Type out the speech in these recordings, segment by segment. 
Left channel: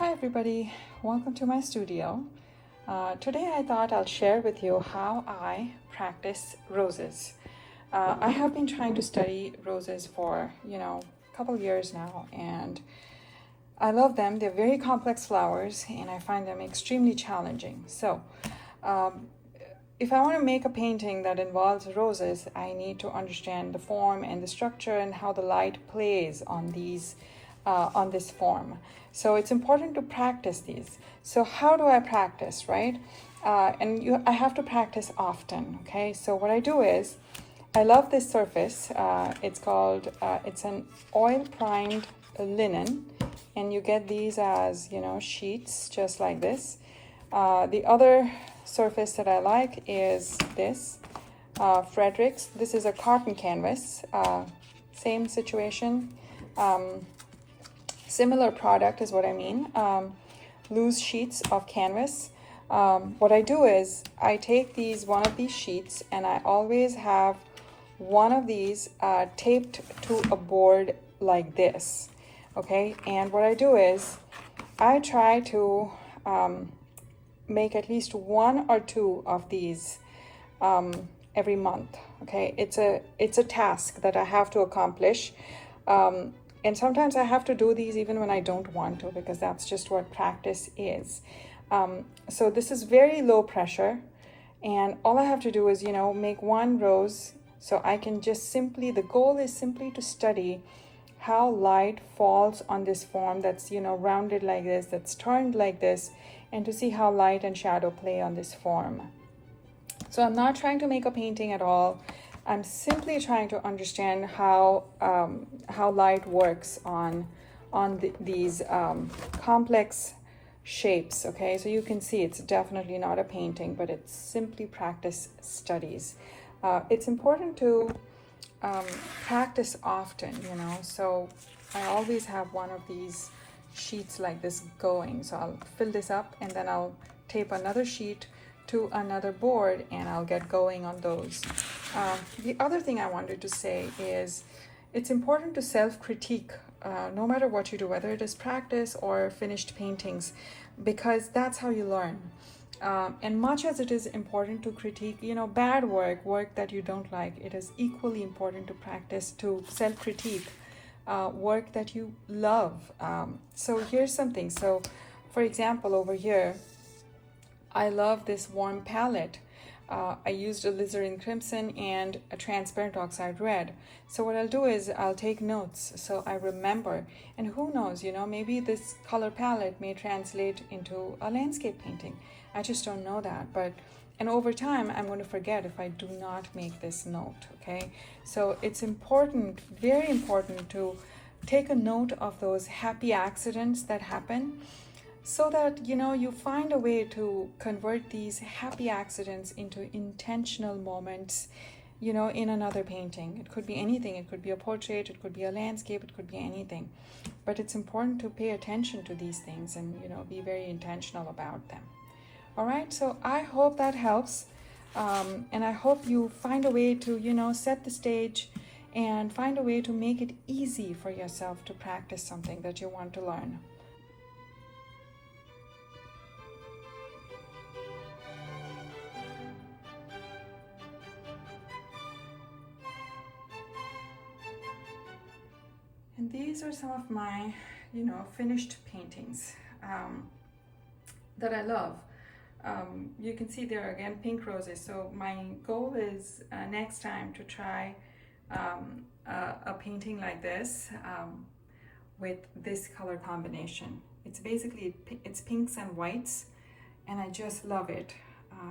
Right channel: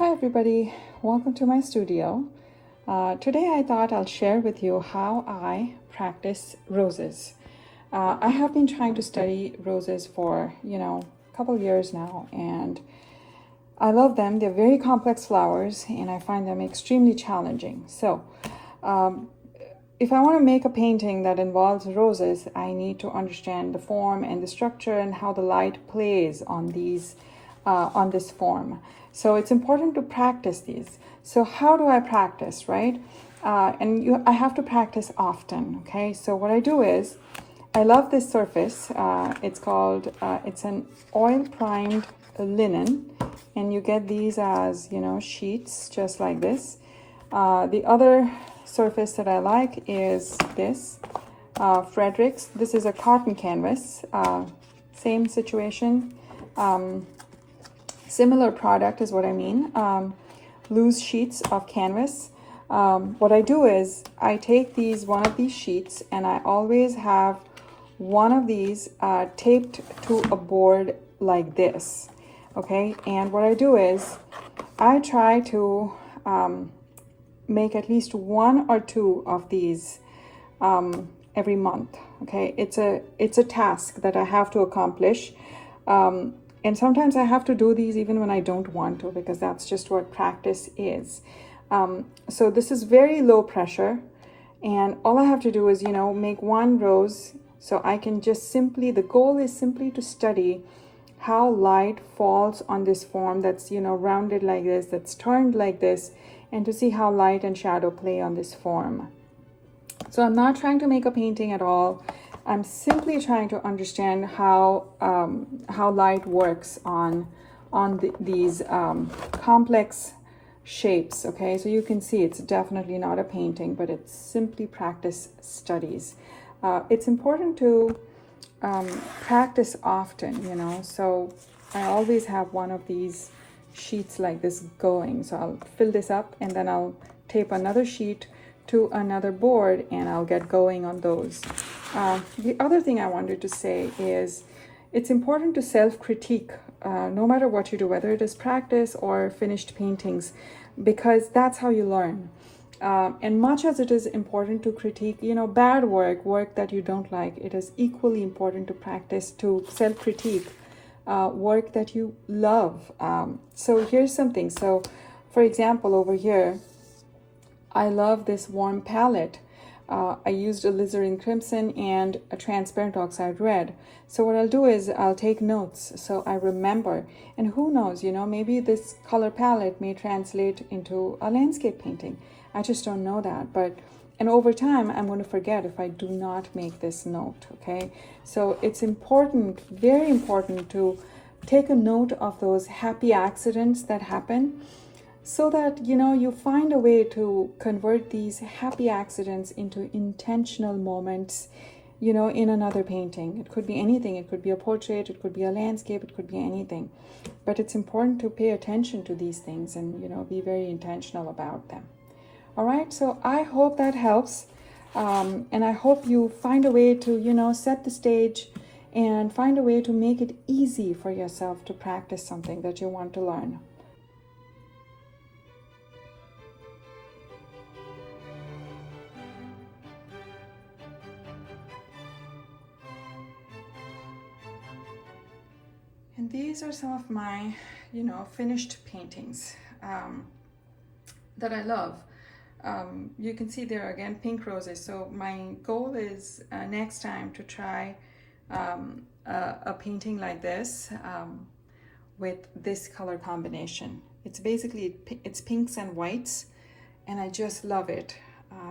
Hi everybody, welcome to my studio. Today I thought I'll share with you how I practice roses. I have been trying to study roses for, a couple years now, and I love them. They're very complex flowers and I find them extremely challenging. So if I want to make a painting that involves roses, I need to understand the form and the structure and how the light plays on this form. So it's important to practice these. So how do I practice, right? I have to practice often, okay? So what I do is, I love this surface. It's an oil primed linen, and you get these as, sheets just like this. The other surface that I like is this, Fredericks. This is a cotton canvas, same situation. Similar product is what I mean, loose sheets of canvas. What I do is I take one of these sheets, and I always have one of these taped to a board like this, okay? And what I do is I try to make at least one or two of these every month, okay? It's a task that I have to accomplish. And sometimes I have to do these even when I don't want to, because that's just what practice is. So this is very low pressure, and all I have to do is, make one rose. So I can just the goal is simply to study how light falls on this form that's, rounded like this, that's turned like this, and to see how light and shadow play on this form. So I'm not trying to make a painting at all. I'm simply trying to understand how light works on these complex shapes, okay? So you can see it's definitely not a painting, but it's simply practice studies. It's important to practice often, so I always have one of these sheets like this going. So I'll fill this up, and then I'll tape another sheet to another board, and I'll get going on those. The other thing I wanted to say is it's important to self-critique no matter what you do, whether it is practice or finished paintings, because that's how you learn. And much as it is important to critique, bad work that you don't like, it is equally important to practice, to self-critique work that you love. So here's something. So for example, over here, I love this warm palette. I used alizarin crimson and a transparent oxide red. So what I'll do is I'll take notes so I remember. And who knows, maybe this color palette may translate into a landscape painting. I just don't know that. And over time, I'm going to forget if I do not make this note, okay? So it's important, very important, to take a note of those happy accidents that happen, so that you find a way to convert these happy accidents into intentional moments, in another painting. It could be anything. It could be a portrait, it could be a landscape, it could be anything. But it's important to pay attention to these things and be very intentional about them. All right, so I hope that helps, and I hope you find a way to set the stage and find a way to make it easy for yourself to practice something that you want to learn. And these are some of my, finished paintings that I love. You can see there again, pink roses. So my goal is next time to try a painting like this with this color combination. It's pinks and whites, and I just love it.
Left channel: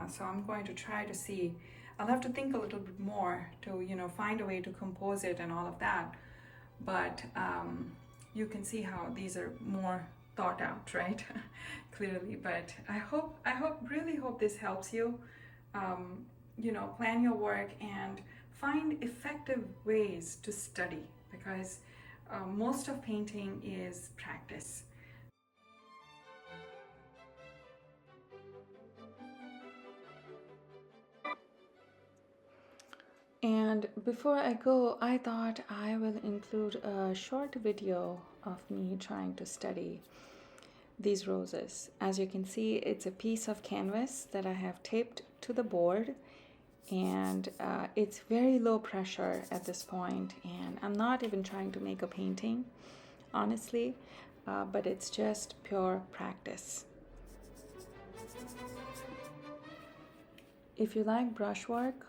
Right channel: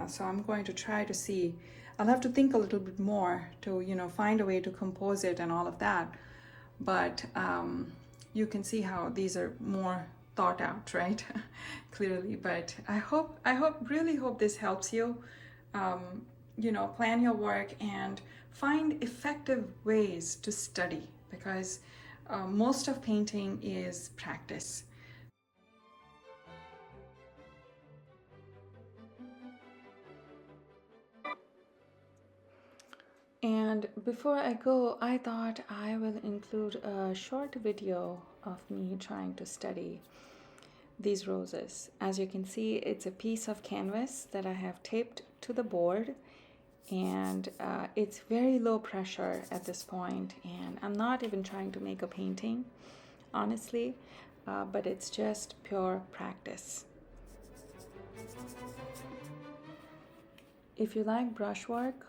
So I'm going to try to see. I'll have to think a little bit more to find a way to compose it and all of that. But you can see how these are more thought out, right? Clearly. But really hope this helps you. Plan your work and find effective ways to study, because most of painting is practice. And before I go, I thought I will include a short video of me trying to study. these roses. As you can see, it's a piece of canvas that I have taped to the board, and it's very low pressure at this point, and I'm not even trying to make a painting, honestly, but it's just pure practice. If you like brushwork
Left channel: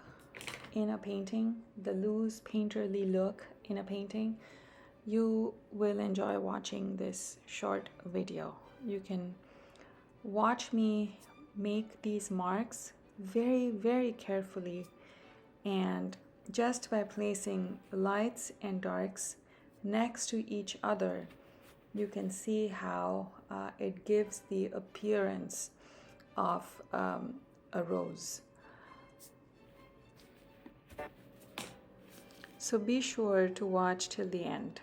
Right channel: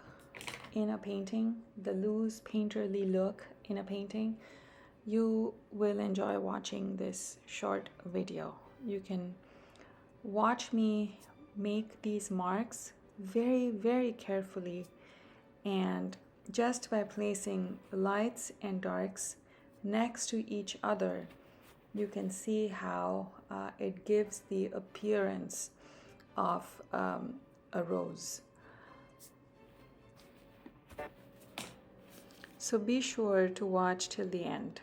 in a painting, the loose painterly look in a painting, you will enjoy watching this short video. You can watch me make these marks very, very carefully, and just by placing lights and darks next to each other, you can see how it gives the appearance of a rose. So be sure to watch till the end.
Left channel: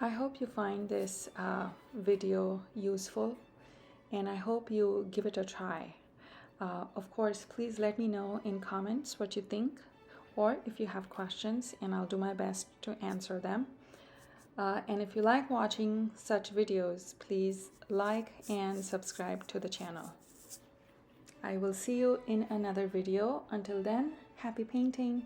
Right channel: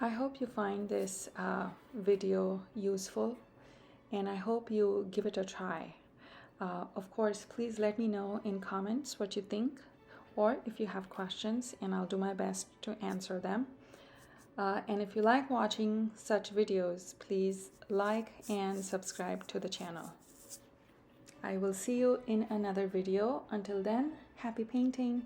I hope you find this video useful, and I hope you give it a try. Of course, please let me know in comments what you think, or if you have questions, and I'll do my best to answer them. And if you like watching such videos, please like and subscribe to the channel. I will see you in another video. Until then, happy painting!